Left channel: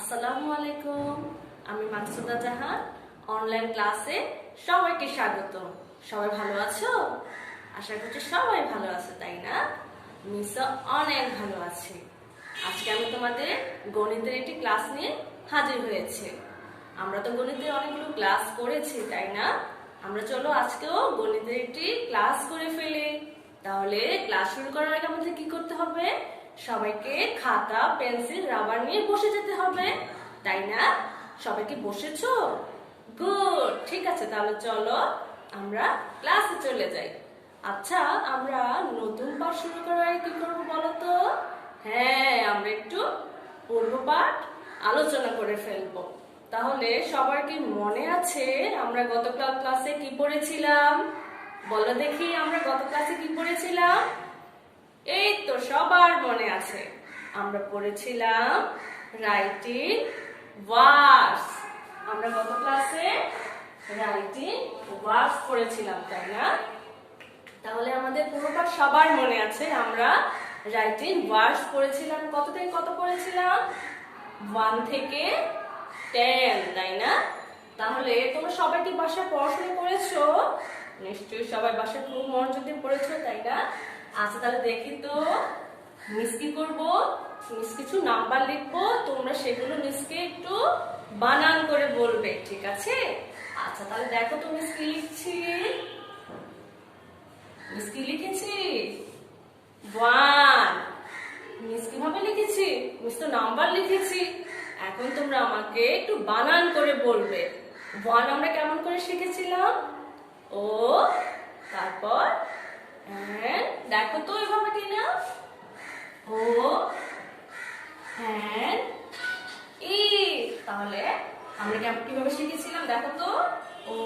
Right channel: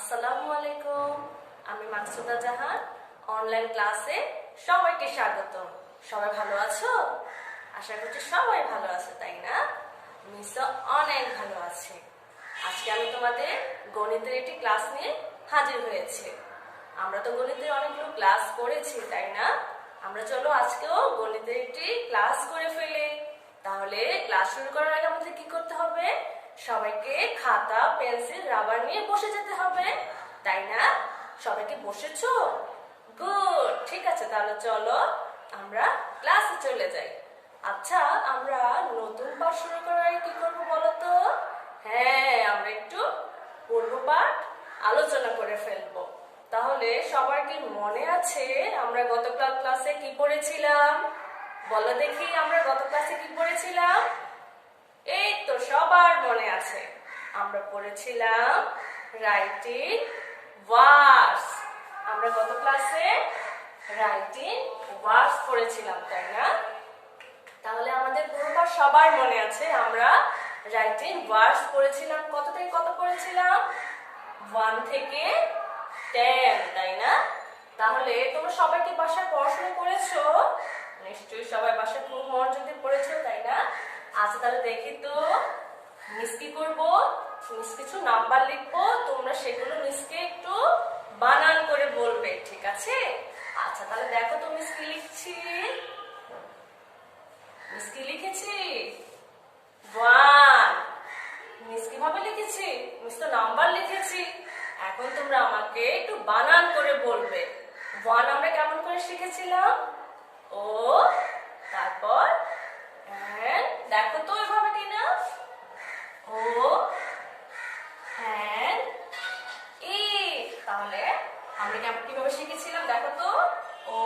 আসসালামু আলাইকুম। আমি মাকসুদা জাহান। অনলাইন ক্লাসে সবাইকে স্বাগত। সবাই ভালো আছো? আশা করছি সবাই ভালো আছে, তাই না? মিসও অনেক ভালো আছে। আজকে আমি তোমাদের গণিতের একটি ক্লাস নিয়ে হাজির হয়েছি। আমরা তো গণিতের অনেকগুলো ক্লাস করেছি, তাই না? আমরা চলো আজকেও গণিতের একটি ক্লাস করে ফেলি। তাহলে ক্লাস শুরু করার আগে আমাদের কি করতে হবে? সবাইকে খাতা, পেন্সিল, রাবার নিয়ে বসে যেতে হবে, তাই না? সবাই কি বসেছো? গুড, ঠিক আছে। তাহলে চলো আমরা ক্লাসে চলে যাই। আচ্ছা, আমরা নতুন পাঠ শুরু করার আগে কি করবো বলো তো? হ্যাঁ, আমরা একটু পূর্ব পাঠ আলোচনা করে ফেলবো। তাহলে সবার কি মনে আছে আমরা গত ক্লাসে কি পড়েছিলাম? বলো দেখি, আমরা গত ক্লাসে কি পড়েছিলাম? এই তো সবার মনে আছে। আমরা পড়েছিলাম রাইটিং ওয়ার্ডস। আমরা গত ক্লাসে রাইটিং ওয়ার্ডস পড়েছিলাম, তাই না? তাহলে আমাদের পুরোটা সবার মনে আছে। আমরা রাইটিং ওয়ার্ডস পড়েছিলাম। কত থেকে কত পড়েছিলাম? 1 থেকে 10, তাই না? তাহলে তোমরা সবাই কি বাসায় পড়াশোনা করেছো? নিশ্চয়ই সবাই বাসায় খুব মনোযোগ দিয়ে পড়েছো, তাই না? আচ্ছা, তাহলে দেখি তো মিস কি করবো। মিস কিছু নাম্বার লিখবো, তোমরা সেগুলো মিসকে একটু বানান করে বলবে, ঠিক আছে? আচ্ছা, তাহলে দেখো তো মিস কি লিখছি। মিস কি লিখেছি? 1। মিস কিভাবে লিখেছি? মিস তো নাম্বার লিখেছি। এখন তোমরা আমাকে একটু বানান করে বলবে। 1 আমরা কেমন করে শিখেছিলাম? ও, তারপর দেখো তো এভাবে কিনা। ও হ্যাঁ ই। তাহলে আমরা কিভাবে শিখেছিলাম দেখো তো? ও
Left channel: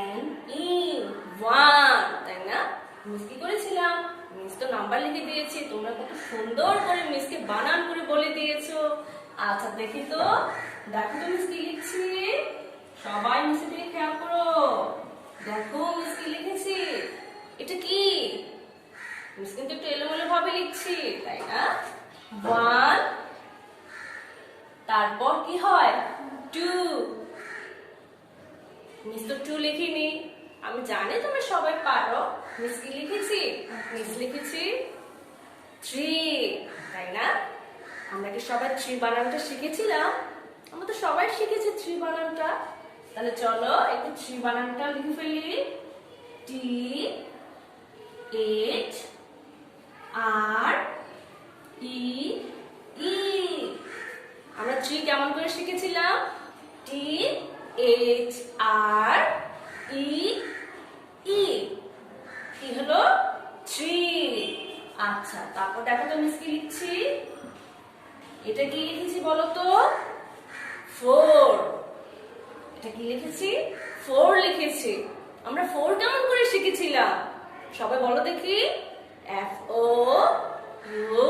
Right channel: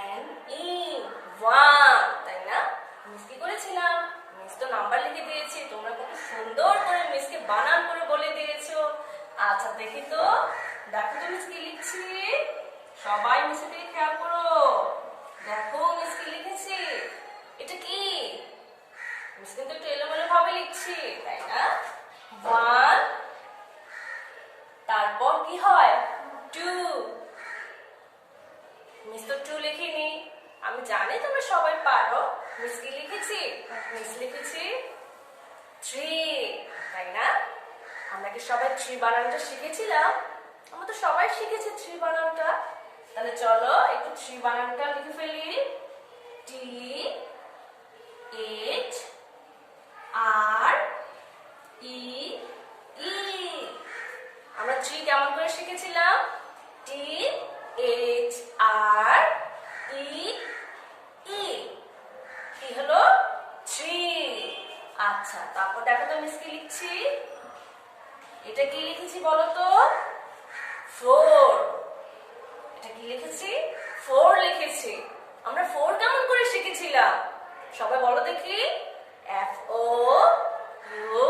এন ই, 1, তাই না? মিস কি করেছিলাম? মিস তো নাম্বার লিখে দিয়েছি, তোমরা কত সুন্দর করে মিসকে বানান করে বলে দিয়েছো। আচ্ছা, দেখি তো। দেখো তো মিস কি লিখছি। সবাই মিসের দিকে খেয়াল করো। দেখো মিস কি লিখেছি। এটা কি? মিস কিন্তু একটু এলোমেলো ভাবে লিখছি, তাই না? 1, তারপর কি হয়? 2। মিস তো 2 লিখিনি। আমি জানি তোমরা সবাই পারো। মিস কি লিখেছি? মিস লিখেছি 3, তাই না? আমরা কি সবাই 3 বানানটা শিখেছিলাম? আমরা তো সবাই শিখেছি 3 বানানটা। তাহলে চলো একটু 3 বানানটা লিখে ফেলি। T H R E E। আমরা 3 কেমন করে শিখেছিলাম? T H R E E। কি হলো? 3। আচ্ছা, তারপর দেখো তো মিস কি লিখছি। এটা কি লিখেছি বলো তো? 4। এটা কি লিখেছি? 4 লিখেছি। আমরা 4 কেমন করে শিখেছিলাম? সবাই বলো দেখি। F O U,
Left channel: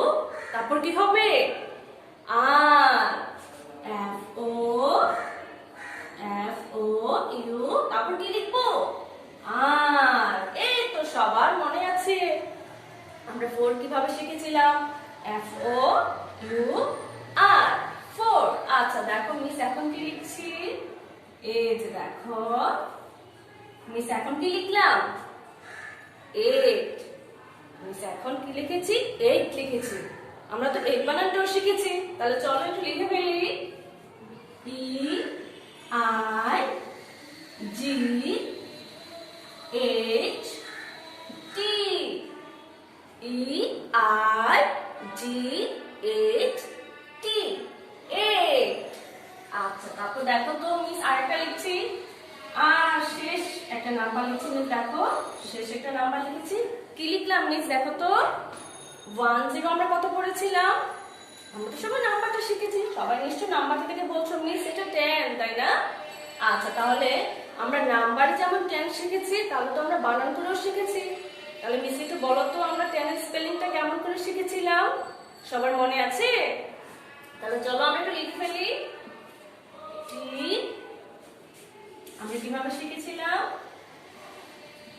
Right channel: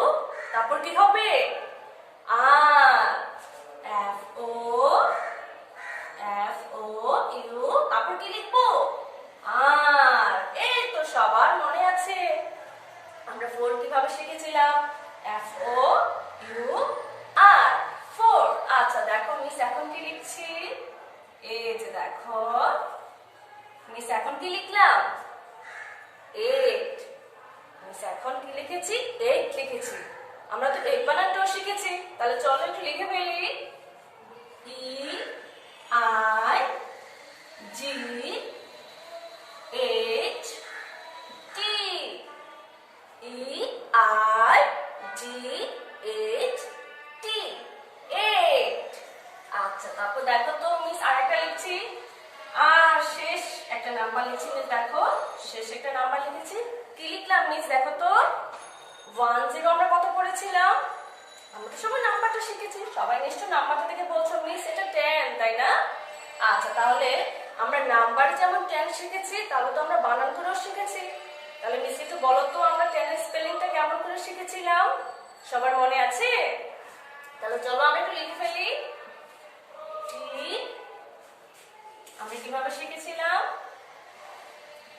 তারপর কি হবে? আর। F O U, তারপর কি লিখবো? আর। এই তো সবার মনে আছে। আমরা 4 কিভাবে শিখেছিলাম? F O U R, 4। আচ্ছা, দেখো মিস এখন কি লিখছি। এই যে দেখো মিস এখন কি লিখলাম? 8। মিস এখন কি লিখেছি? 8 লিখেছি। আমরা তো 8 বানানটাও শিখেছি। তাহলে চলো একটু লিখে ফেলি। E I G H T। E I G H T, 8। আচ্ছা, তারপর দেখো তো মিস আরেকটা লিখছি। আর শেষ একটা নাম্বার লিখছি মিস। দেখো শেষ একটা নাম্বার লিখেছি। কি লিখলাম মিস দেখো তো? 10 আমরা কত পড়েছিলাম? আমরা তো সবাই নাম্বারটা শিখেছি। সবাই নিশ্চয় নাম্বারটা থেকে বলছো মিস এটা 10, তাই না? আচ্ছা, তাহলে আমরা নাম্বারে যেমন 10 শিখেছি, তাহলে তো আমরা বানান করেও শিখেছি। তাহলে মিস একটু বলো তো আমরা 10 এর স্পেলিংটা কেমন করে শিখেছিলাম? সবার মনে আছে? তাহলে চলো আমরা একটু লিখে ফেলি। টি, আমরা কিভাবে শিখেছিলাম?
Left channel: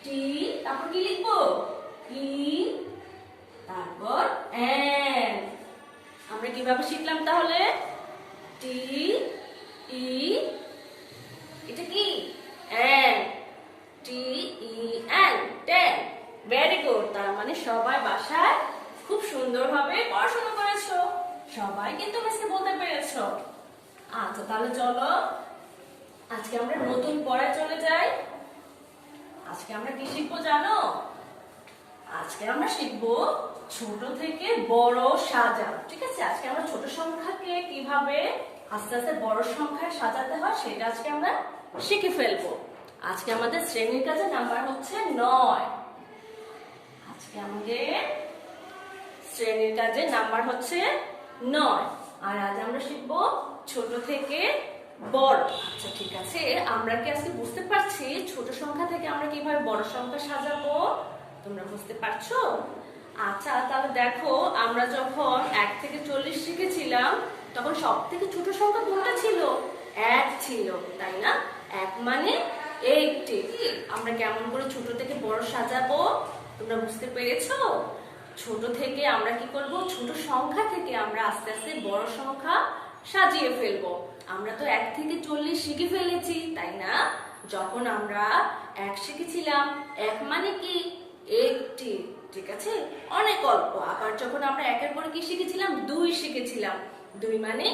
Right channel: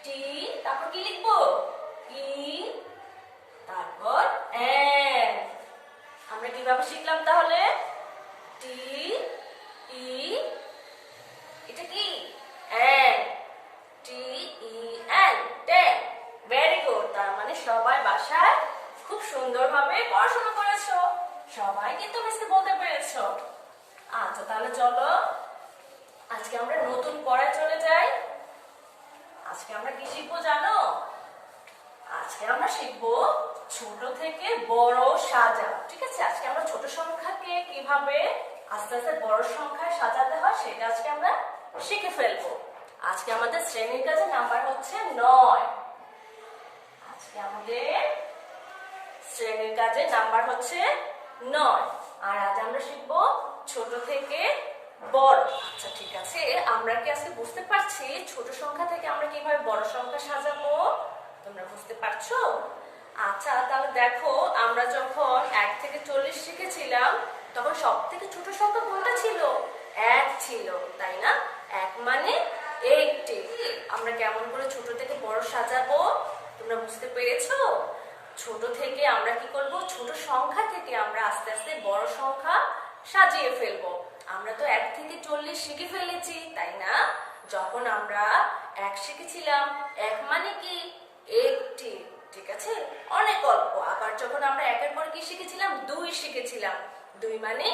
টি, তারপর কি লিখবো? ই, তারপর এন। আমরা কিভাবে শিখলাম তাহলে? টি ই, এটা কি N, T E N, ten. Very good. তার মানে সবাই বাসায় খুব সুন্দরভাবে পড়াশোনা করেছো, সবাই কিন্তু মিসকে বলতে পেরেছো। আচ্ছা তাহলে চলো আজকে আমরা নতুন পড়ায় চলে যাই। আজকে আমরা কি শিখবো জানো? আজকে আমরা শিখবো ছোট থেকে বড় সাজাও। ঠিক আছে, আজকে আমরা ছোট সংখ্যাকে কিভাবে আস্তে আস্তে বড় সংখ্যায় সাজাতে হয় সেটা আজকে আমরা শিখে ফেলবো। আজকে আমাদের শ্রেণীর কাজে নাম্বার হচ্ছে 9। আজকে আমাদের শ্রেণীর কাজে নাম্বার হচ্ছে 9। আর আজ আমরা শিখবো ছোট থেকে বড়। আচ্ছা ঠিক আছে, আমরা কি আজকে বুঝতে পারছি ছোট সংখ্যা থেকে আমরা কিভাবে বড় সংখ্যা সাজাবো? তোমরা বুঝতে পারছো? আচ্ছা তাহলে দেখো, আমরা যখন 1 থেকে 40 শিখেছিলাম তখন সব থেকে ছোট সংখ্যা কোনটা ছিল? 1 ছিল, তাই না? 1 মানে 80। আমরা কেমন করে ছোট থেকে বড় সাজাবো তোমরা বুঝতে পেরেছো? ছোট থেকে আমরা কি করব? ছোট সংখ্যা থেকে আমরা আস্তে আস্তে বড় সংখ্যা সাজিয়ে ফেলবো। আমরা তো 1 থেকে 40 শিখে ফেলেছি, তাই না? যখন আমরা 1 শিখেছিলাম, 1 মানে কি? 80, ঠিক আছে, অনেক অল্প। আবার যখন আমরা 1-এর পরে কি শিখেছিলাম? 2 শিখেছিলাম, 2 মানে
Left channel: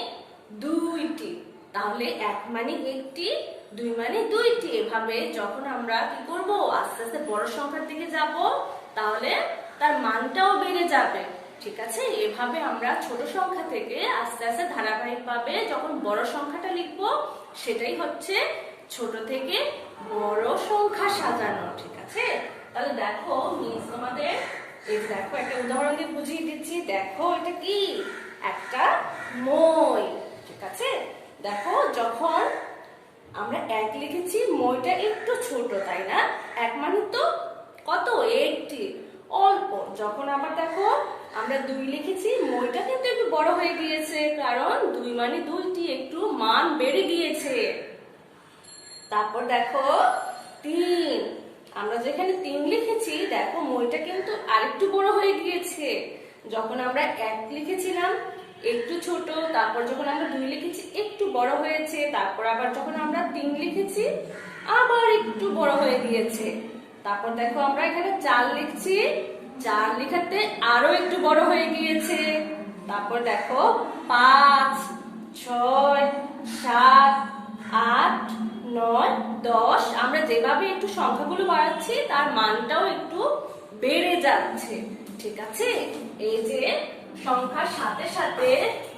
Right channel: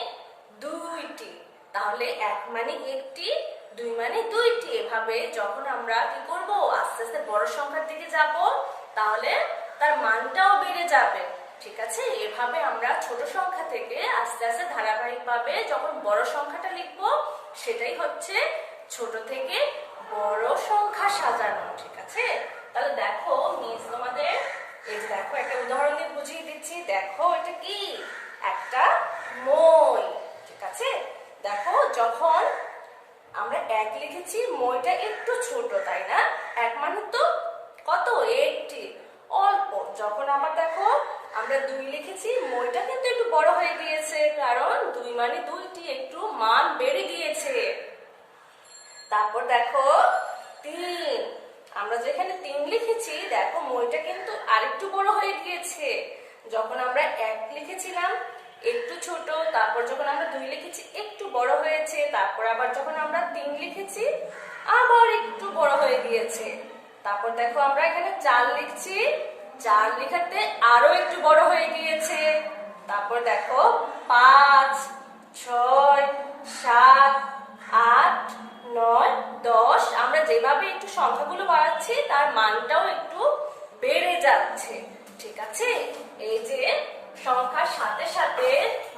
2টি। তাহলে 1 মানে 1টি, 2 মানে 2টি। এভাবে যখন আমরা কি করব? আস্তে আস্তে বড় সংখ্যার দিকে যাব, তাহলে তার মানটাও বেড়ে যাবে। ঠিক আছে, এভাবে আমরা ছোট সংখ্যা থেকে আস্তে আস্তে ধারাবাহিকভাবে যখন বড় সংখ্যাটা লিখবো, সেটাই হচ্ছে ছোট থেকে বড় সংখ্যা সাজানো। ঠিক আছে, তাহলে দেখো মিস তোমাদের এই যে দেখো একটা উদাহরণ দিয়ে বুঝিয়ে দিচ্ছি। দেখো এটা কি? একটা মই। ঠিক আছে, দেখো যখন আমরা 1 লিখেছি, মইটা একটু ছোট, তাই না? 1 মানে তো কত? 80, অল্প। যখন আবার দেখো আমরা 2 লিখেছি, মইটা কিন্তু একটু বড় হয়ে গিয়েছে, কারণ 2 মানে 2টি, একটু মান বেড়ে গিয়েছে। তারপর দেখো 3, আমরা যেখানে 3 লিখেছি, দেখো মইটা কিন্তু আরেকটু বড় হয়ে গিয়েছে। যখন আমরা 1 লিখেছিলাম একটু ছোট, তারপর যখন আমরা 2 লিখেছি একটু বড় হয়েছে, তারপর আবার যখন আমরা 3 লিখেছি আবার একটু বড় হয়ে গিয়েছে। তারপর দেখো আমরা এখানে 4 লিখছি, 4 লিখাতে আরো একটু বড় হয়ে গিয়েছে। তারপর দেখো 5, 6, 7, 8, 9, 10। আমরা যেভাবে একটু সংখ্যাগুলো বাড়াচ্ছি তার মানটাও একটু বেড়ে যাচ্ছে। ঠিক আছে, এই যে সংখ্যার সাথে সাথে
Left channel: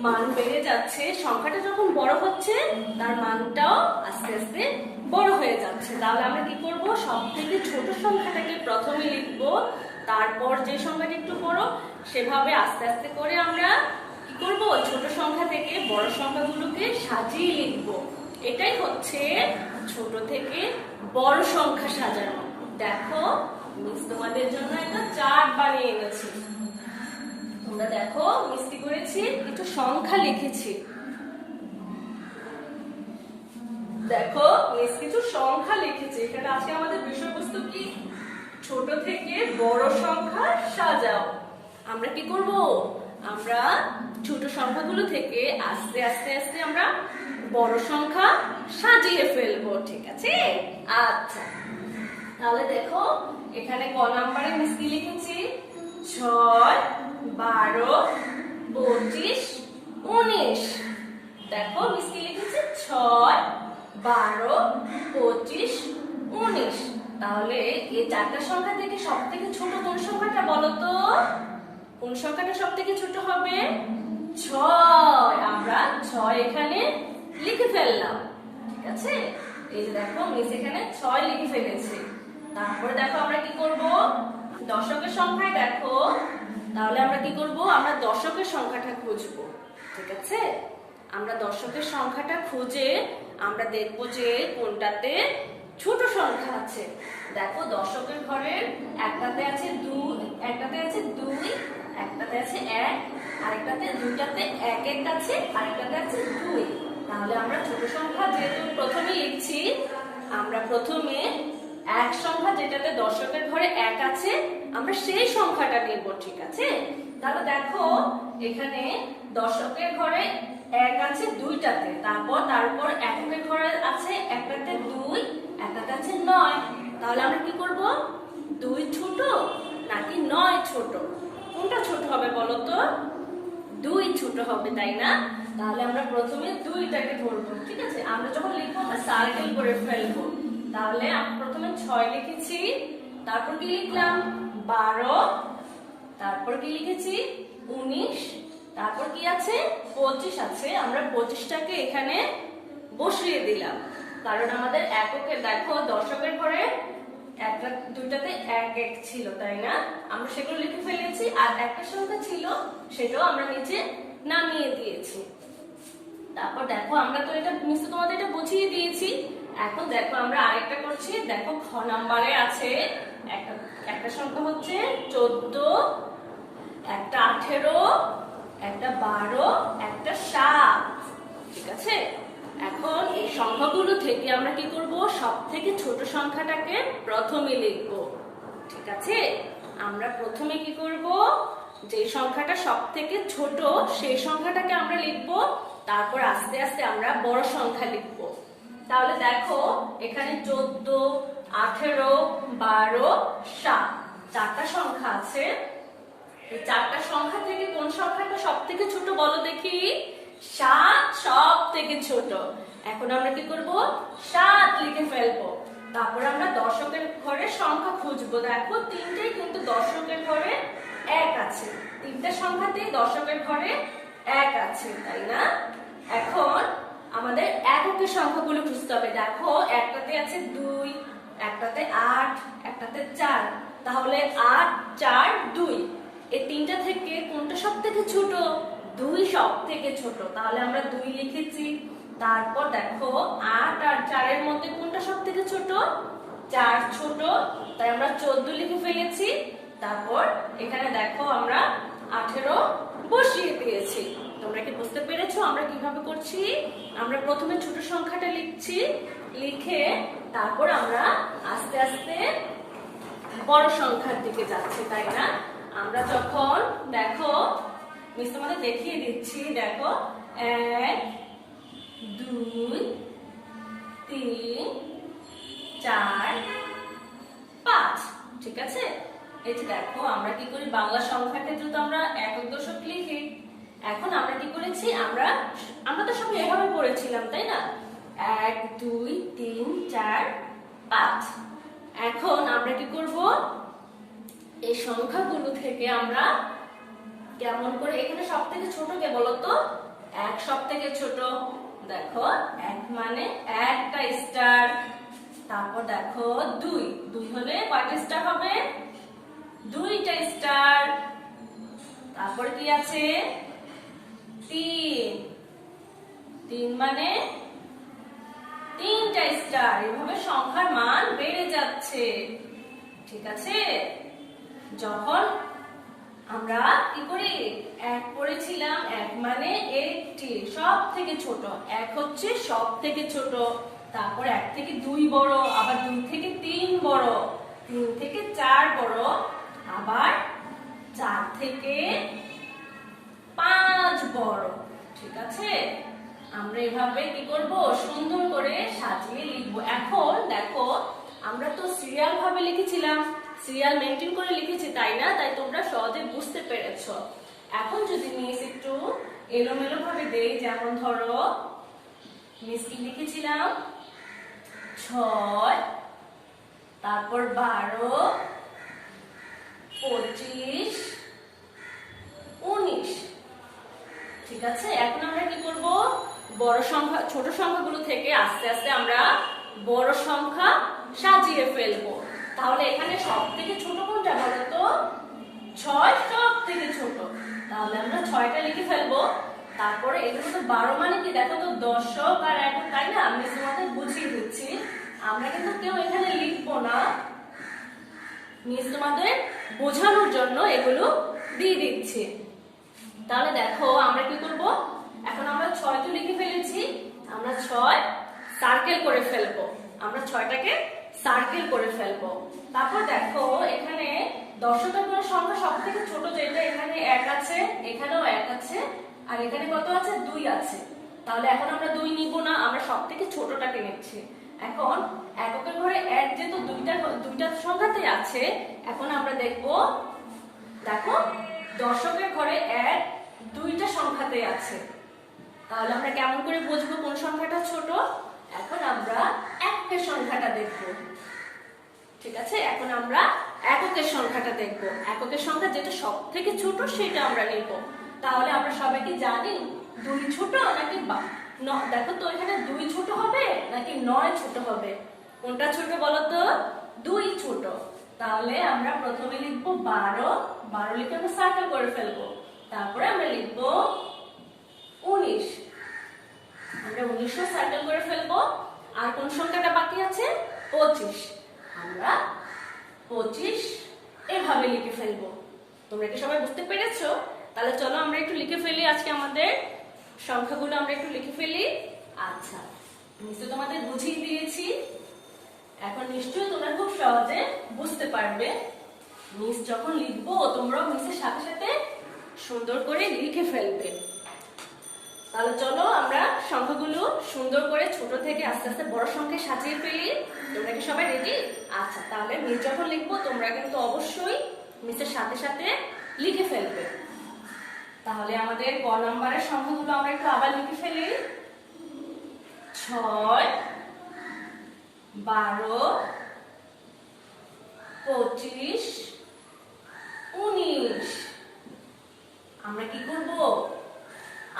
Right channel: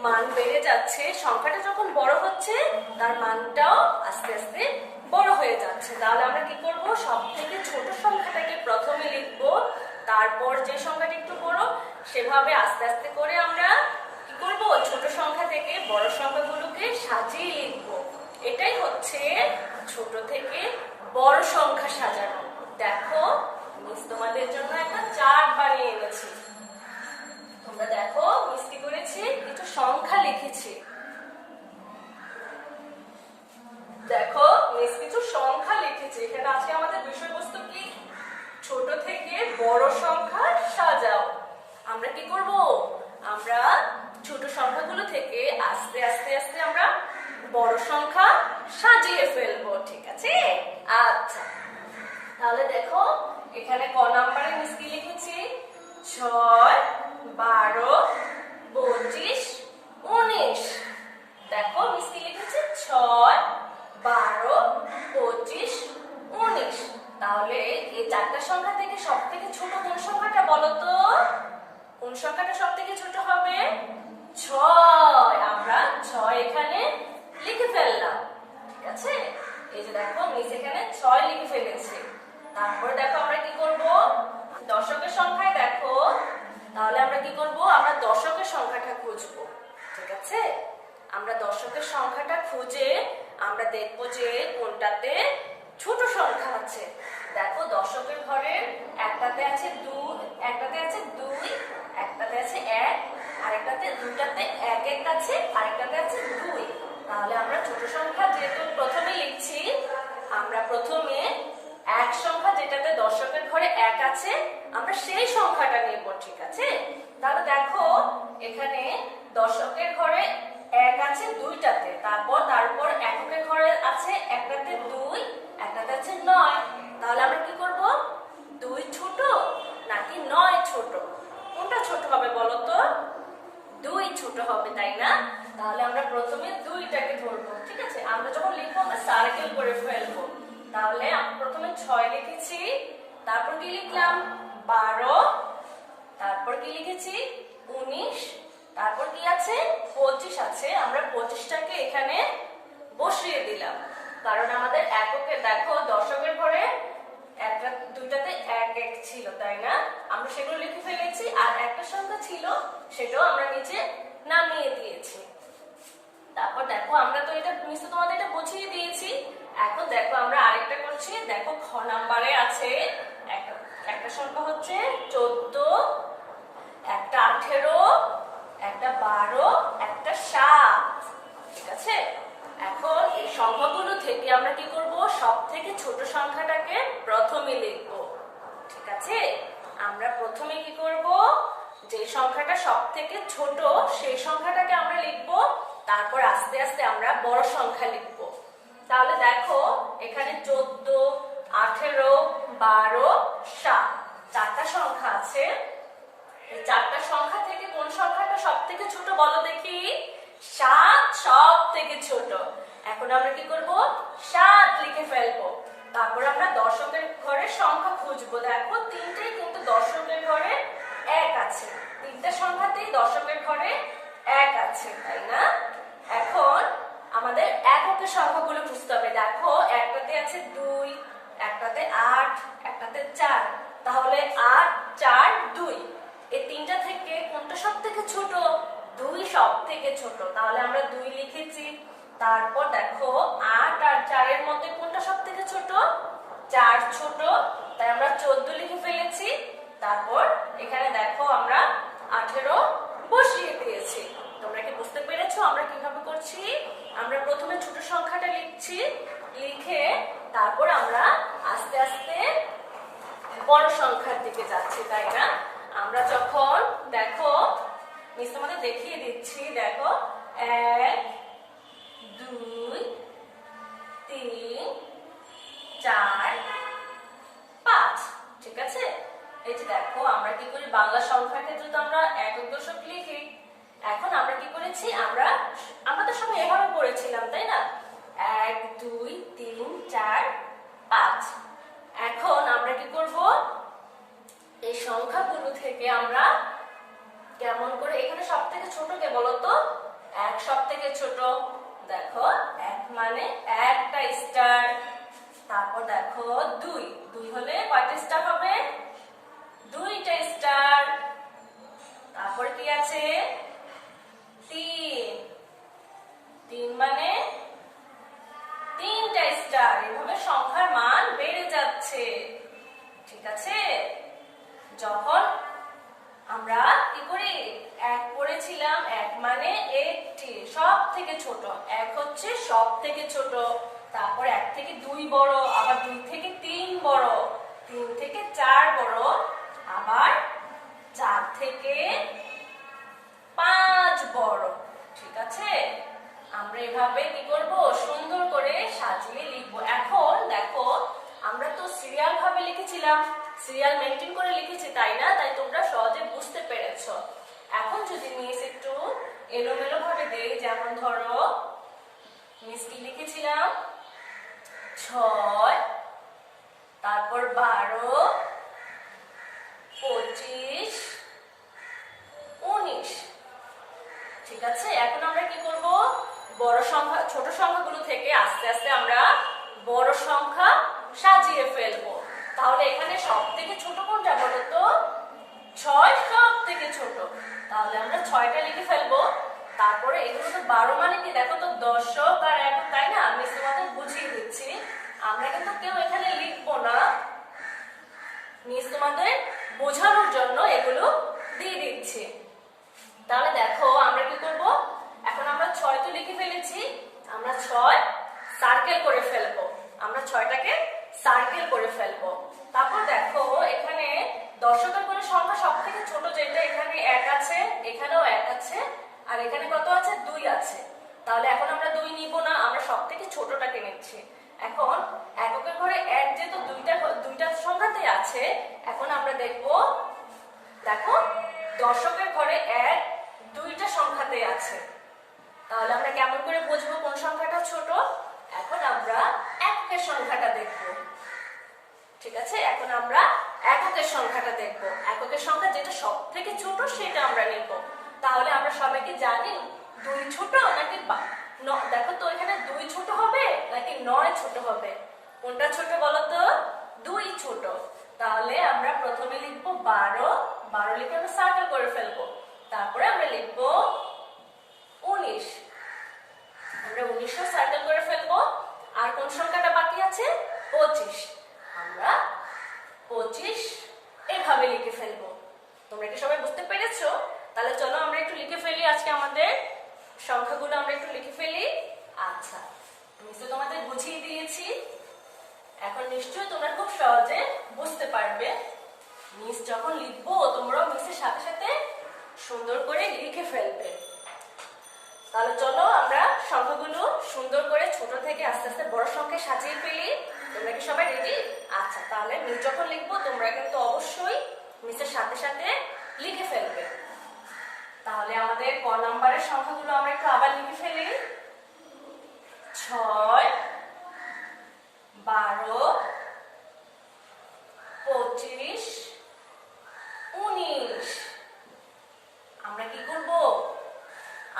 মান বেড়ে যাচ্ছে, সংখ্যাটা যখন বড় হচ্ছে তার মানটাও আস্তে আস্তে বড় হয়ে যাচ্ছে। তাহলে আমরা কি করব? সব থেকে ছোট সংখ্যাটাকে প্রথমে লিখব, তারপর যে সংখ্যাটা একটু বড়, সেভাবে আস্তে আস্তে করে আমরা কি করব? ছোট সংখ্যা থেকে বড় সংখ্যাগুলোকে সাজিয়ে লিখব। এটাই হচ্ছে ছোট থেকে বড় সংখ্যা সাজানো। দেখো মিস তোমাদের জন্য একটা চার্ট বানিয়ে এনেছি। তোমরা দেখো মিস কি করেছি? কিছু সংখ্যা লিখেছি। দেখো মিস কিছু সংখ্যা লিখেছি। এখানে আজকে আমাদের বিষয়বস্তু কি? ছোট থেকে বড় সংখ্যা সাজাও। আমরা কি করব? আমরা ছোট সংখ্যাগুলো থেকে আস্তে আস্তে আস্তে আমরা বড় সংখ্যা সাজিয়ে ফেলবো। ঠিক আছে, আচ্ছা তাহলে দেখো এখানে ক নাম্বারে মিস কি লিখেছি? 6, 12, 25, 19। দেখো মিস কি লিখেছি? 6, 12, 25, 19। তাহলে এই চারটা সংখ্যা থেকে সব থেকে ছোট কোন সংখ্যাটা বলো তো? কোন সংখ্যাটা সব থেকে ছোট হবে? 6। আমরা 6 এখানে লিখে ফেললাম। ঠিক আছে, এই যে দেখো মিস এখানে 6 লিখে ফেলেছি। তারপরে দেখো আমরা কি করব? দশকের সংখ্যায় দেখো, তাহলে আমরা কি করব? আমরা দশকের সংখ্যাটা খুঁজবো। ঠিক আছে, আমরা দশকের সংখ্যাটা খুঁজে আমরা দেখবো যে কোনটাতে ছোট সংখ্যা আছে। দেখো দশকের ঘরের একটাতে আছে 2, একটাতে আছে 2, একটাতে আছে 1, আরেকটাতে দুটাতে 1 1 আছে, আরেকটাতে আছে 2। তাহলে আমরা ছোট সংখ্যা যেহেতু প্রথমে লিখছি, আমরা প্রথমে এক সংখ্যা যেটাতে দশকের ঘরে 1 আছে, আমরা সেই সংখ্যাটা নেব। ঠিক আছে, তাহলে দেখো এখানে দশকের ঘরে এক আছে দুইটাতে, তারপর তার উপর এককের ঘরে আছে একটাতে 2, একটাতে আছে 9। তাহলে আমরা কি করব? 2 ছোট নাকি 9 ছোট? কোনটা ছোট হবে বলো তো? 2 ছোট হবে, তাই না? তাহলে আমরা প্রথমে 2টাকে ধরবো, ঠিক আছে? আমরা যখন লিখবো আমরা সার্কেল করে ফেলবো। তাহলে আমরা প্রথমে 6 লিখেছি, তারপর কি লিখলাম? 12, তারপর কি লিখেছি? 19, তারপর কি আছে? 25 আছে। আমরা 25টাকে এখানে বসিয়ে দিলাম, কারণ আমাদের এককে দেখো দশকের ঘরে একটা দুইটাতে এক এক ছিল, তাই না? আমরা সেগুলো লিখে ফেলেছি, আর একটা সংখ্যা ছিল সেটাও আমরা নিচে নামিয়ে দিয়েছি। তারপর দেখো আমরা তো এটা নিশ্চয় তোমাদের এটা বুঝিয়ে দিয়েছি। এখন দেখো আমরা আরেকটা করছি। দেখো খ নাম্বারে আছে একটা সংখ্যা হচ্ছে 14, একটা 18, একটা 12, একটা 7, ঠিক আছে? এখন এই সংখ্যাগুলো থেকে আমরা কি করব? সবথেকে ছোট সংখ্যাটাকে প্রথমে লিখব, ঠিক আছে? আমরা প্রথমে কি করব? যে সংখ্যাটা সবথেকে ছোট সেই সংখ্যাটাকে আমরা লিখব, তারপর আস্তে আস্তে আমরা বড় সংখ্যা লিখব। তাহলে দেখো এখানে 14, 18, 12, 7 চারটা সংখ্যা আছে। এই চারটা সংখ্যা থেকে কোন সংখ্যাটা সবথেকে ছোট বলো দেখি? 7 সবথেকে ছোট। এখন আমরা কি করব? 7 লিখে ফেলবো। তারপর আমরা দশকের ঘরে সংখ্যা খুঁজবো। দেখো তিনটেই কিন্তু দশকের ঘরে 1 আছে, তিনটা সংখ্যাতেই দশকের ঘরে 1 আছে, তাই না? এখন আমাদের এককের সংখ্যাগুলো খুঁজতে হবে। দেখো একটাতে আছে 2, একটাতে 8, একটাতে 4। তাহলে 8, 4, 2 এই তিনটা থেকে কোনটা সবথেকে ছোট? 2 সবথেকে ছোট। তাহলে আমরা 2 লিখেছি। তারপর দেখো 8 আর 4 এর মধ্যে কোনটা সবথেকে ছোট? 4 ছোট, তাই আমরা 14 লিখে ফেলেছি। তারপর এখানে দেখো আমরা 18 বসিয়ে দিয়েছি। তোমরা কি বুঝতে পেরেছো আমরা কিভাবে করছি? আমরা প্রথমে ছোট সংখ্যাটা লিখছি, লিখে তারপর আমরা আস্তে আস্তে বড় সংখ্যার দিকে যাচ্ছি, তাই না? আমরা যখন দেখো মিস তোমাদের দেখিয়ে দিচ্ছি। দেখো 1, 2, 3, 4, 5, ঠিক আছে? এই যে দেখো আমরা কি করি? বাংলা সংখ্যার ক্ষেত্রে তো আমরা একক দশক লিখি। এখন আমরা কি করেছি? আমরা তো সবাই এভাবে পড়েছিলাম, তাই না? 1, 2, 3, 4, 5। এখন আমরা কি করব? এই সংখ্যাগুলো থেকে আমরা কেমন করে, এখানে সবথেকে ছোট কে বলো তো? 1 সবথেকে ছোট। দেখো 1 মানে একটা স্টার। তারপর দেখো 2 হলে কয়টা স্টার হবে? 2টা স্টার। তারপর কি আছে? 3 মানে 3টা স্টার। এভাবে সংখ্যার মান বেড়ে যাচ্ছে, ঠিক আছে? যখন আমরা কি করি? 1 পড়েছিলাম, 1 মানে একটি সব থেকে ছোট। 1 হচ্ছে সব থেকে ছোট। তারপর 1 থেকে 2 বড়, আবার 2 থেকে 3 বড়, 3 থেকে 4 বড়, আবার 4 থেকে 5 বড়, ঠিক আছে? আমরা এভাবে কি করব? সুন্দর করে সাজিয়ে লিখবো। এখন দেখো আমরা তো সিরিয়াল ভাবে লিখেছিলাম, সিরিয়াল মেনটেন করে লিখেছি, তাই না? তাই তোমরা সহজে বুঝতে পেরেছো। এখন যদি মিস একটু এলোমেলো ভাবে দেই, যেমন ধরো মিস কি লিখেছিলাম? 6, তারপর 12, 25, 19, ঠিক আছে? এখন আমরা কি করব? বড় সংখ্যা ছোট সংখ্যাগুলো থেকে আস্তে আস্তে আমরা বড় সংখ্যা সাজিয়ে ফেলবো। তাহলে এখানে সবথেকে ছোট কোনটা বলো তো? 6 সবথেকে ছোট। তাহলে আমরা 6টা লিখে ফেলবো। তারপরে এগুলো তো 12 মানে কি? দেখো তো দশক আর একক, তাই না? আমি তোমাদের বুঝিয়ে দিচ্ছি। আমরা কিন্তু কেউ এখানে লিখবো না, মিস তোমাদের বোঝানোর জন্য এগুলো দিয়ে দিচ্ছি। তাহলে দেখো আমরা কি করব? এখন আমরা 6 তো লিখে ফেলেছি, আমরা 6 সার্কেল করে ফেলবো। আমরা 6টাকে সার্কেল করে ফেলবো। তারপর দেখো এখানে দশকের ঘরে সংখ্যা সবথেকে ছোট যেটা, এখানে 1 আছে, এখানেও 1 আছে, আর এখানে কত আছে? 2 আছে। তাহলে এখন আমরা 2 নিব না, আমরা সব থেকে ছোটটাকে নিচ্ছি। এখন এককের ঘরে এক যেহেতু দুইটা সংখ্যাতে আছে, এখন আমরা দেখো দশকের ঘরে এক দুইটা সংখ্যাতে আছে। তাহলে আমরা কেমন করে বুঝবো কোন সংখ্যাটা ছোট? এখন আমরা এককের সংখ্যাটা দেখব। ঠিক আছে, এখন আমরা এককের সংখ্যাটা দেখব। এককের সংখ্যা যেটা সব থেকে ছোট সেটা আমরা নেব। তাহলে আমরা সবাইকে জানি 2 ছোট নাকি দেখো তো এখানে 2 ছোট হবে নাকি 9 ছোট হবে? কোনটা ছোট বলো তো? 2 ছোট। তাহলে আমরা প্রথমে লিখবো 12, 12 লিখে আমরা সার্কেল করে ফেলবো। তারপরে আমরা লিখবো 19, আমরা 19 সার্কেল করে ফেলবো। আর কোন সংখ্যাটা বাকি আছে? 25, আমরা 25 এভাবে লিখে ফেলবো। তোমরা কি সবাই বুঝতে পেরেছো? তাহলে চলো আমরা একটু লিখে ফেলি, আজকে আমাদের সংখ্যাগুলো আমরা একটু লিখে ফেলি। আচ্ছা, নিশ্চয় তোমাদের বুঝিয়ে দিয়েছি, এখন নিশ্চয়ই তোমরা খুব সহজে বুঝতে পারবে। মিস যখন লিখবো তোমরাও মিসের সাথে সাথে সুন্দর করে লিখে ফেলবে। তাহলে চলো আমরা সংখ্যাগুলো সুন্দর করে ছোট থেকে আস্তে আস্তে বড় সংখ্যায় সাজিয়ে ফেলি। তোমরা কি সবাই রেডি? আচ্ছা, তাহলে মিস যখন লিখবো তোমরা কিন্তু অবশ্যই মিসের সাথে সাথে লিখে ফেলবে। তাহলে আমাদের ক নাম্বারের সংখ্যাগুলো আমরা একটু আবার লিখে ফেলি। 6, 12, 25, 19। আমরা কি করব?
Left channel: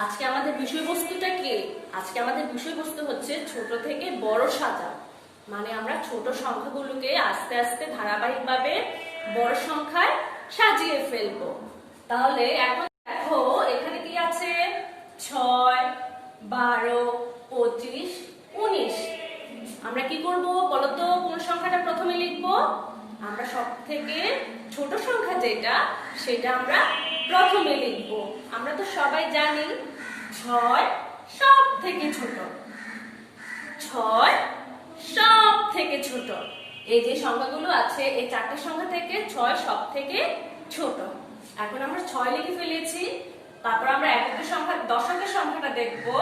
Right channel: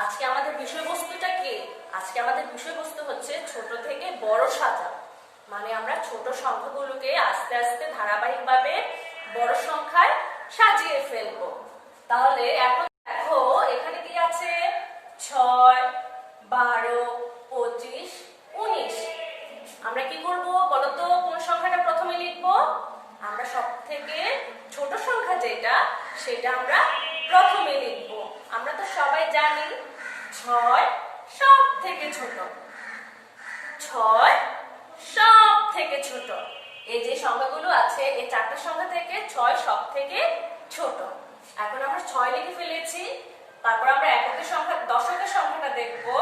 আজকে আমাদের বিষয়বস্তুটা কি? আজকে আমাদের বিষয়বস্তু হচ্ছে ছোট থেকে বড় সাজাও। মানে আমরা ছোট সংখ্যাগুলোকে আস্তে আস্তে ধারাবাহিকভাবে বড় সংখ্যায় সাজিয়ে ফেলবো। তাহলে এখন দেখো এখানে কি আছে? 6, 12, 25, 19। আমরা কি করব বলো তো? কোন সংখ্যাটা প্রথমে লিখবো? আমরা সব থেকে ছোট সংখ্যা যেটা সেটা আমরা প্রথমে লিখবো। আমরা তো সবাই জানি 6 সব থেকে ছোট। 6 সব থেকে ছোট। এই যে সংখ্যাগুলো আছে এই চারটা সংখ্যা থেকে 6 সব থেকে ছোট। এখন আমরা 6 লিখে ফেলেছি। তারপর আমরা এককের সংখ্যা দশকের সংখ্যাটা দেখবো।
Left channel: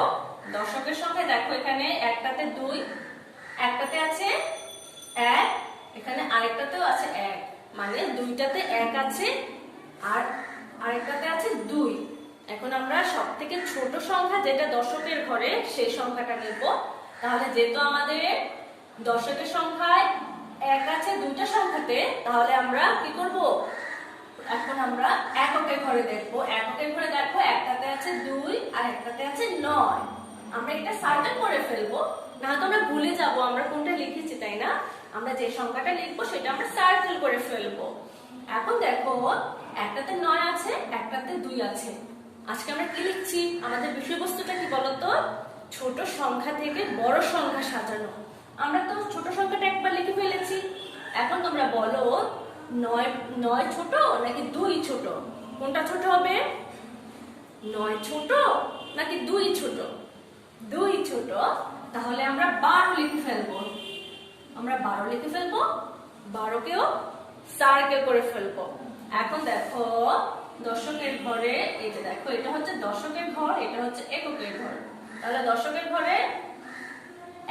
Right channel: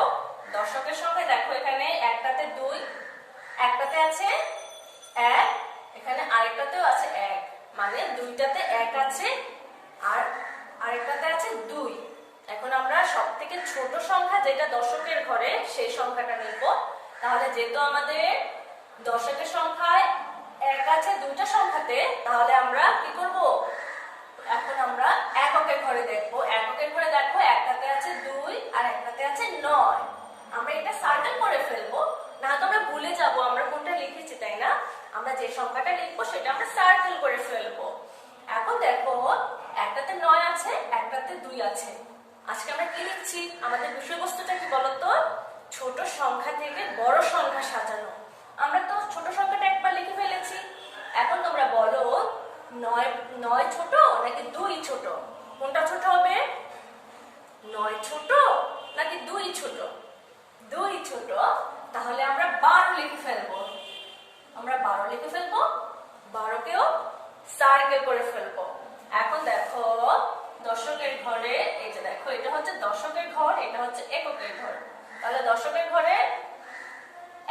দশকের সংখ্যা দেখো এখানে একটাতে 2, একটাতে আছে 1, এখানে আরেকটাতেও আছে 1, মানে দুইটাতে 1 আছে আর আরেকটাতে আছে 2। এখন আমরা সব থেকে ছোট সংখ্যা যেটা দশকের ঘরে সেই সংখ্যাটা নিব। তাহলে যেহেতু আমাদের দশকের সংখ্যায় 1 আছে দুইটা সংখ্যাতে, তাহলে আমরা কি করব? এখন আমরা এককের ঘরে দেখবো। এককের ঘরে দেখো একটাতে আছে 2 আর একটাতে আছে 9। আমরা এটা সার্কেল করে ফেলবো, না তো আমরা ভুলে যাবো আমরা কোনটা লিখেছি, তাই না? আমরা যে সংখ্যাটা লিখবো সেটা আমরা সার্কেল করে ফেলবো। এখন দেখো একটাতে 9 আছে, একটাতে 2 আছে। আজকে আমরা কি লিখছি? আমাদের বিষয়বস্তুটা কি বলতো? ছোট সংখ্যা থেকে বড় সংখ্যা সাজানো। আমরা তো ছোট সংখ্যাটা একবার লিখে ফেলেছি। এখন তোমরা বলো 9 ছোট নাকি 2 ছোট? কোনটা ছোট হবে? 9 ছোট নাকি 2 ছোট? 2 ছোট। তাহলে আমরা 12 লিখে ফেলবো। আমরা 12 লিখে ফেলবো, 12কেও সার্কেল করে ফেলবো। এখন দেখো দশকের ঘরে, এটা দেখো এটা হচ্ছে দশকের ঘর, এটা হচ্ছে এককের ঘর। তাহলে দশকের ঘরে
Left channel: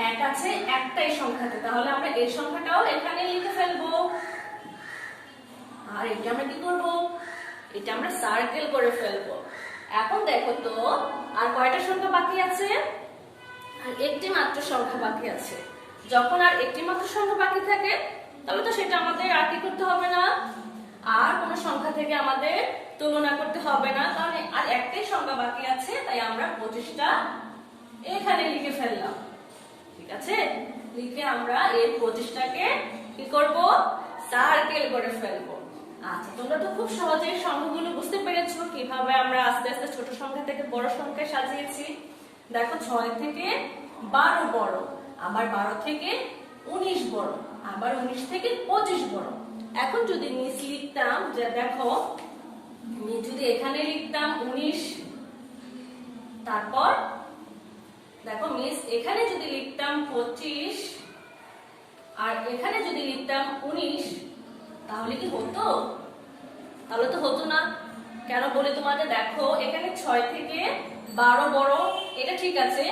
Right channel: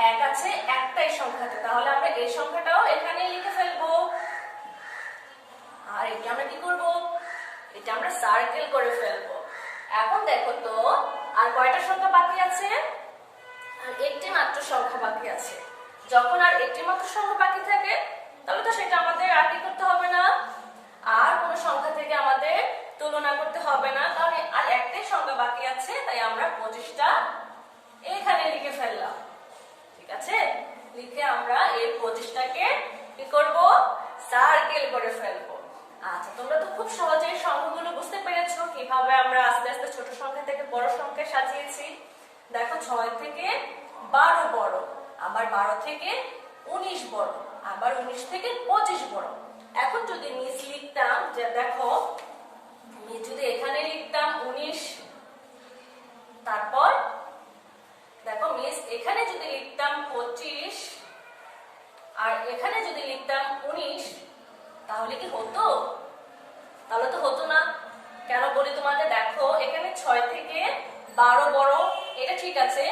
1 আছে একটাই সংখ্যাতে, তাহলে আমরা এই সংখ্যাটাও এখানে লিখে ফেলবো। আর এটা আমরা কি করব? এটা আমরা সার্কেল করে ফেলবো। এখন দেখো তো আর কয়টা সংখ্যা বাকি আছে? আর একটি মাত্র সংখ্যা বাকি আছে। যখন আর একটি মাত্র সংখ্যা বাকি থাকে তাহলে তো সেটা আমাদের আর কি করতে হবে না, আর কোনো সংখ্যা থেকে আমাদের তুলনা করতে হবে না, কারণ আর একটাই সংখ্যা বাকি আছে। তাই আমরা 25টা এখানে লিখে ফেললাম। ঠিক আছে, লিখে আমরা এই 25টাকে কি করব? সার্কেল করে ফেলবো। আচ্ছা, তোমরা তো খুব সহজেই সংখ্যাগুলো বুঝতে পেরেছো কিভাবে আমরা আস্তে আস্তে ছোট সংখ্যা থেকে বড় সংখ্যায় সাজিয়েছি। দেখো 6 থেকে 12 বড়, আবার 12 থেকে 19 বড়, আবার 19 থেকে 25 বড়। এখন যদি মিস লিখতাম, যে দেখো মিস যদি এখানে লিখতাম 19, তারপর দেখো মিস এখানে যদি লিখতাম 25 আর এখানে যদি লিখতাম 19, তাহলে কি হতো? তাহলে তো হতো না। কেন বলি তোমাদের, দেখো এখানে 6 থেকে 12 বড়, এটা ঠিক আছে।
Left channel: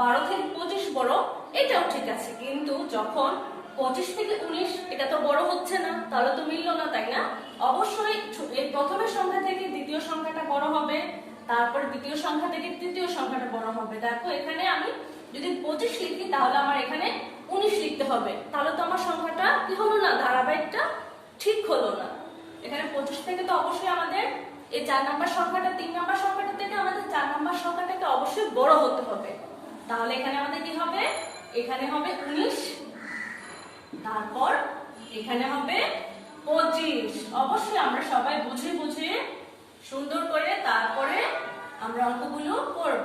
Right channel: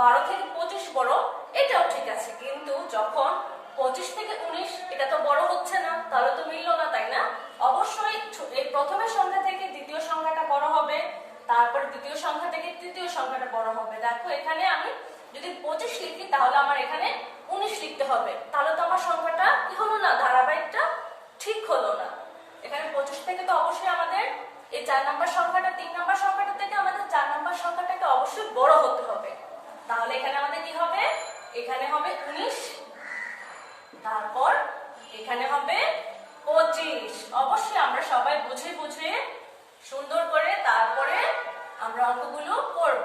12 থেকে 25 বড়, এটাও ঠিক আছে। কিন্তু যখন 25 থেকে 19, এটা তো বড় হচ্ছে না, তাহলে তো মিললো না, তাই না? অবশ্যই এই প্রথমের সংখ্যা থেকে দ্বিতীয় সংখ্যাটা বড় হবে, তারপর দ্বিতীয় সংখ্যা থেকে তৃতীয় সংখ্যাটা বড় হবে। দেখো এখানে আমি যদি 25 লিখি তাহলে আমার এখানে 19 লিখতে হবে, তাহলে তো আমার সংখ্যাটা কি হলো না, ধারাবাহিকটা ঠিক হলো না। এখানে 25 থেকে তো অবশ্যই আমাদের এই 4 নাম্বার সংখ্যাটা 3 নাম্বার সংখ্যাটা থেকে আমাদের 4 নাম্বার সংখ্যাটাকে অবশ্যই বড় হতে হবে। তাহলে এখানে আমাদের কি হবে, এখানে হবে 19, তারপর এখানে হবে 25। অবশ্যই আমরা সবাই বুঝে বুঝে সুন্দর করে তারপরে আমরা অঙ্কগুলো করব।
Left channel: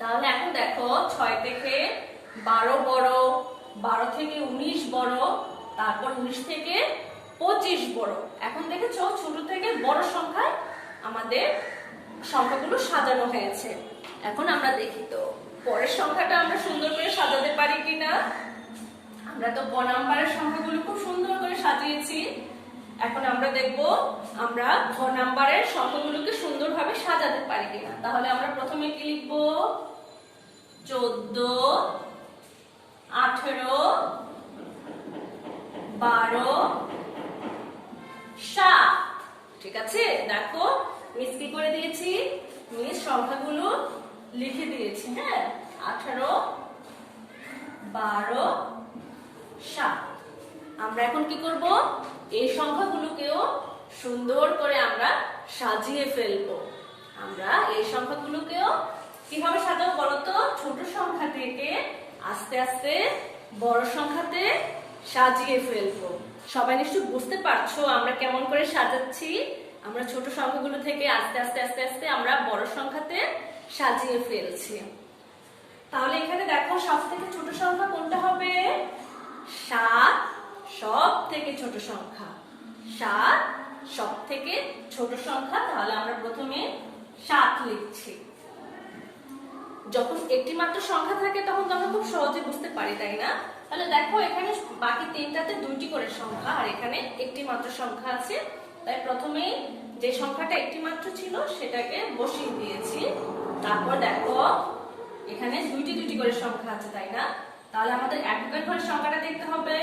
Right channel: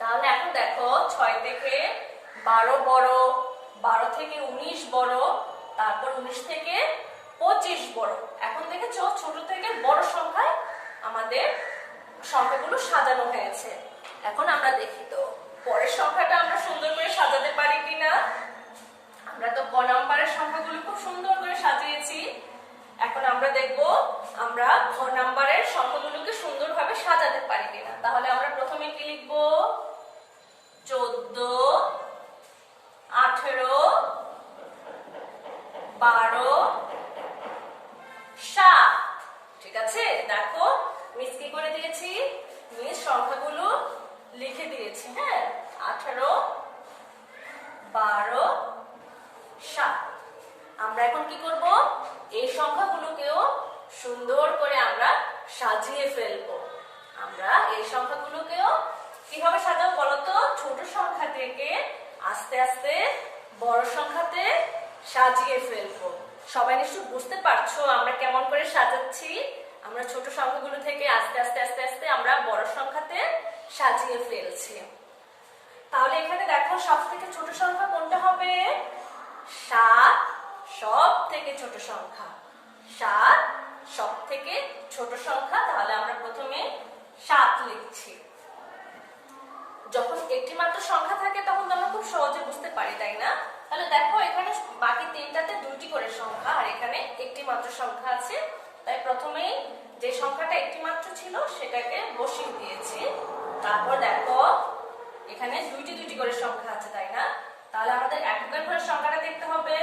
তাহলে এখন দেখো 6 থেকে 12 বড়, 12 থেকে 19 বড়, তারপর 19 থেকে 25 বড়। এখন দেখেছো ছোট থেকে বড় সংখ্যায় আমাদের সংখ্যাগুলো সাজানো হয়েছে। এখন আমরা দেখি তো পরের সংখ্যাটা আমরা সুন্দর করে সাজাতে পারি কিনা। আমরা তো ক নাম্বারের সংখ্যাগুলো খুব সুন্দর করে সাজিয়েছি। এখন আমরা দেখব আমরা ঘ নাম্বারের সংখ্যাগুলোকে সুন্দরভাবে সাজাতে পারি কিনা। তাহলে আমরা প্রথমে কি লিখব, 14, 18, 12, 7। ঠিক আছে, দেখো মিস কি করে দিয়েছি, মিস সংখ্যাগুলো লিখে দিয়েছি। হ্যাঁ, 18, 12, 7। আমরা এখন কি করব, এই সংখ্যাগুলোকেও সুন্দর করে আমরা সাজিয়ে ফেলবো। আমরা এই সংখ্যাগুলোকেও কিভাবে সাজাবো বলতো, ছোট সংখ্যা থেকে আস্তে আস্তে বড় সংখ্যাতে সাজিয়ে ফেলবো। সবাই নিশ্চয়ই বুঝতে পারছো আমরা কেমন করে সাজাচ্ছি। আমরা ছোট সংখ্যাগুলো থেকে আস্তে আস্তে আস্তে আস্তে আমরা বড় সংখ্যাতে সাজিয়ে ফেলছি। তাহলে এখানে দেখো সব থেকে ছোট সংখ্যা কোনটা হবে, 7 সব থেকে ছোট সংখ্যা। 7 সব থেকে ছোট সংখ্যা, তাহলে আমরা প্রথমে 7 লিখছি। যখন একটি মাত্র সংখ্যা থাকে তখন আমরা খুব সহজে বুঝতে পারি, তাই না? তাহলে দেখো এখানে বাকি তিনটাতে 2টি করে সংখ্যা আর এখানে একটি মাত্র সংখ্যা আছে, তাই প্রথমে যে সংখ্যাটা একটি মাত্র ছিল সেটাকে বসিয়ে দিয়েছি। তারপর দেখো এখানে 2টি করে সংখ্যা আছে, তাই না? তাহলে আমাদের এককের ঘরের সংখ্যাটা দেখতে হবে।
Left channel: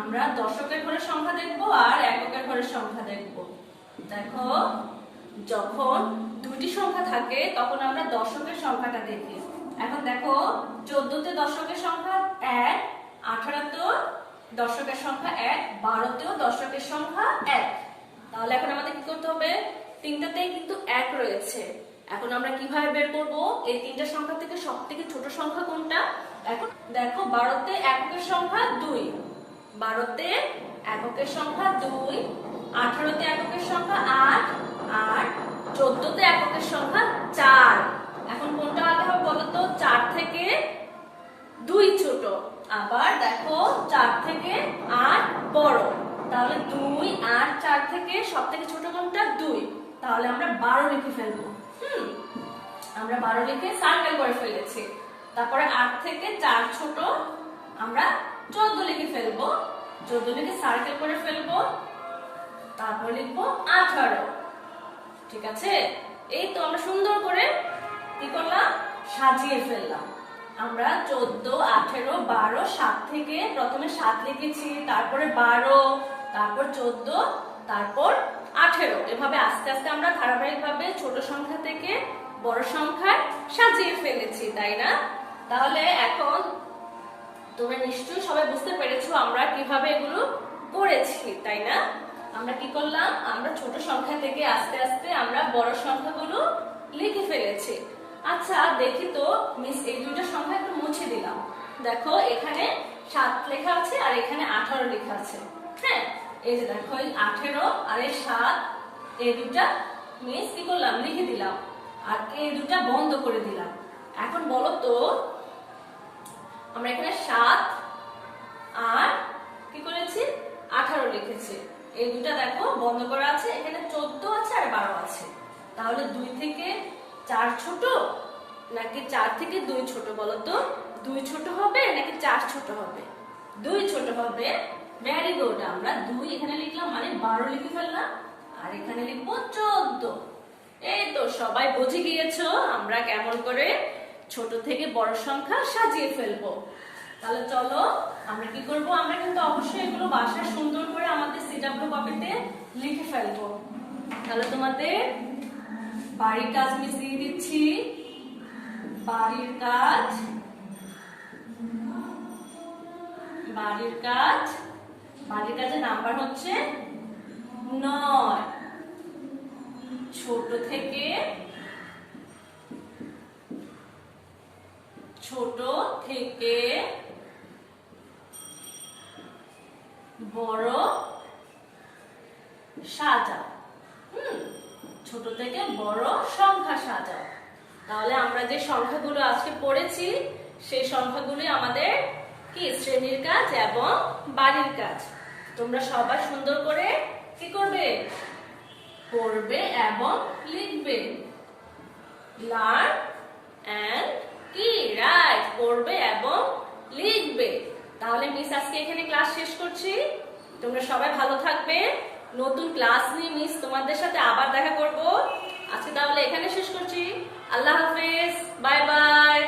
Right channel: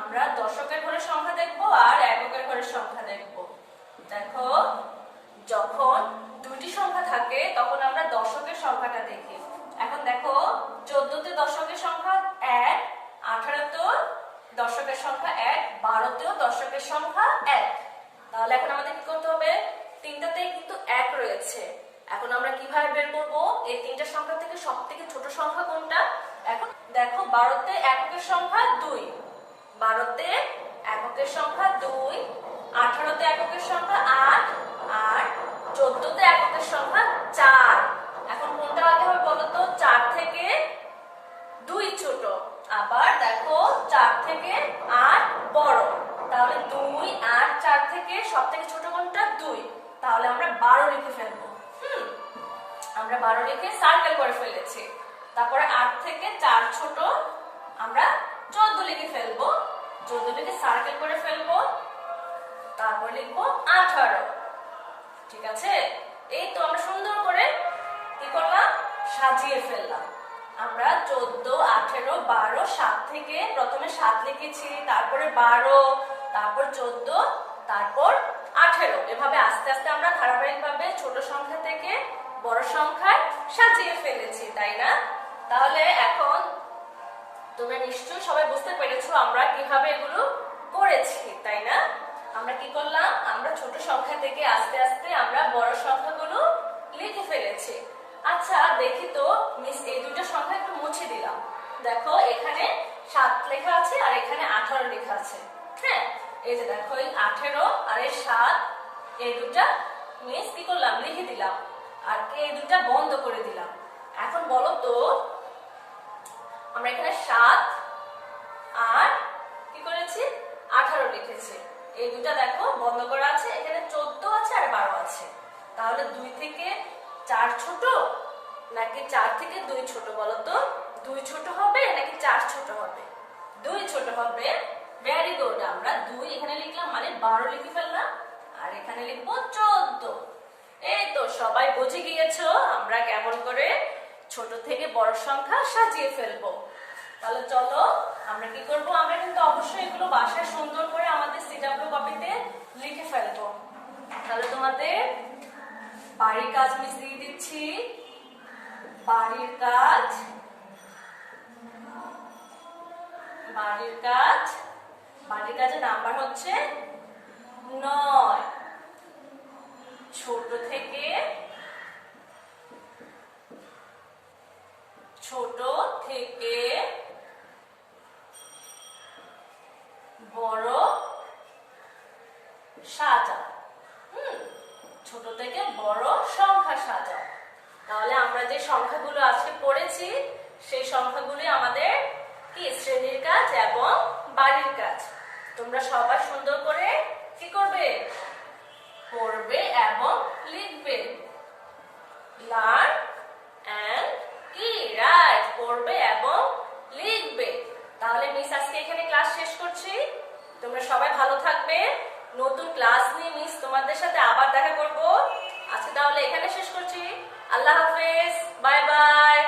আমরা দশকের ঘরের সংখ্যা দেখবো আর এককের ঘরের সংখ্যা দেখবো। দেখো যখন 2টি সংখ্যা থাকে তখন আমরা দশকের সংখ্যাটা দেখি। এখন দেখো 14তে দশকের সংখ্যা 1, 18তেও দশকের সংখ্যা 1, 12তেও দশকের সংখ্যা 1। তাহলে এখন আমাদের কি করতে হবে, তিনটাতেই কিন্তু 1 রয়েছে। এখন আমরা কিভাবে বের করব এই তিনটা সংখ্যা থেকে সবথেকে ছোট সংখ্যা কোনটা। এখন দেখো 12তে এককের সংখ্যা 2, 12তে এককের সংখ্যা 2, 18তে এককের সংখ্যা 8 আর 14তে এককের সংখ্যা 4। এখন কোনটা আগে হবে বলতো, 4 থেকে 2 ছোট, আবার দেখো 4 থেকে 8 বড়। তাহলে 2, 8, 4 থেকে সবথেকে ছোট কোনটা, 2। তাহলে আমরা 12 লিখে ফেলবো। আমরা 12 লিখে সার্কেল করে ফেলেছি। তারপরে 8 থেকে 4 ছোট, আমরা 14 লিখে ফেলবো। 14 লিখে সার্কেল করে ফেলবো। তারপর লিখবো 18। ঠিক আছে, এই তো আমরা সুন্দর করে কি করলাম, সাজিয়ে ফেললাম। আমরা 14, 18, 12, 7 থেকে প্রথমে 7 লিখেছি, তারপরে 12, তারপর 14, তারপর 18। এভাবে আস্তে আস্তে আমরা ধারাবাহিকভাবে ছোট সংখ্যা থেকে বড় সংখ্যায় সাজিয়ে ফেলেছি, তাই না? তাহলে এখন তোমরা নিশ্চয়ই সবাই বুঝতে পেরেছো আমরা কিভাবে এগুলো করেছি, তাই না? আমরা কি করলাম, আমরা ছোট সংখ্যা থেকে আস্তে আস্তে আমরা বড় সংখ্যাগুলো লিখে ফেলেছি। আচ্ছা দেখি তো মিস এই দুইটা সংখ্যা একটু মুছে দিলাম। দেখো এখানে 7 লেখা আছে আর এখানে 18 লেখা আছে। হ্যাঁ, এই যে দেখো এই 18 আর এই 7, এই দুটা মিস কি করলাম, লিখে দিলাম আর এই দুটা বন্ধ করে দিলাম। এখন বলো তো আমরা এখানে 7 আর কি করেছি, 18 লিখেছি। এই দুটা দেখো বন্ধ করা আছে, এখানে 14 আছে আর 12 আছে। তাহলে 2 থেকে 4 ছোট নাকি 4 থেকে 2 ছোট বলো তো? 2 ছোট হবে নাকি 4 ছোট হবে? 2 ছোট হবে। ভেরি গুড, আমরা 2 এখানে লিখলাম মানে 12 লিখে ফেললাম আর এখানে লিখবো 14। এই তো সবাই বুঝে গিয়েছো আমরা কেমন করে ছোট থেকে বড় সংখ্যা সাজিয়ে ফেলবো। তাহলে চলো আমরা কি করব, আমরা কিন্তু অবশ্যই এগুলো বাসায় সুন্দর করে আমাদের সিডাব্লিউ কপিতে লিখে ফেলবো। তাহলে তোমাদের বাড়ির কাজ মিস দিয়ে দিচ্ছি। বাড়ির কাজ, বাড়ির কাজ, বাড়ির কাজের নাম্বার হচ্ছে 9। ছোট থেকে বড় সাজাও। ছোট থেকে বড় সংখ্যা সাজাও। তাহলে আমরা যে সংখ্যাগুলো আজকে পড়েছি সেই সংখ্যাগুলি আমাদের কি শ্রেণীর কাজ এবং বাড়ির কাজ। তোমরা সবাই সুন্দর করে কি করবে, পড়বে এবং লিখবে। লার্ন এন্ড কি রাইট, পড়বে এবং লিখবে। তাহলে মিস আজকে এখানে ক্লাস শেষ করছি। তোমরা সবাই ভালো থাকবে। নতুন ক্লাস নিয়ে মিস তোমাদের সাথে আবার দেখা করব। আজকে তাহলে এখানে শেষ করছি। আল্লাহ হাফেজ, বাই বাই।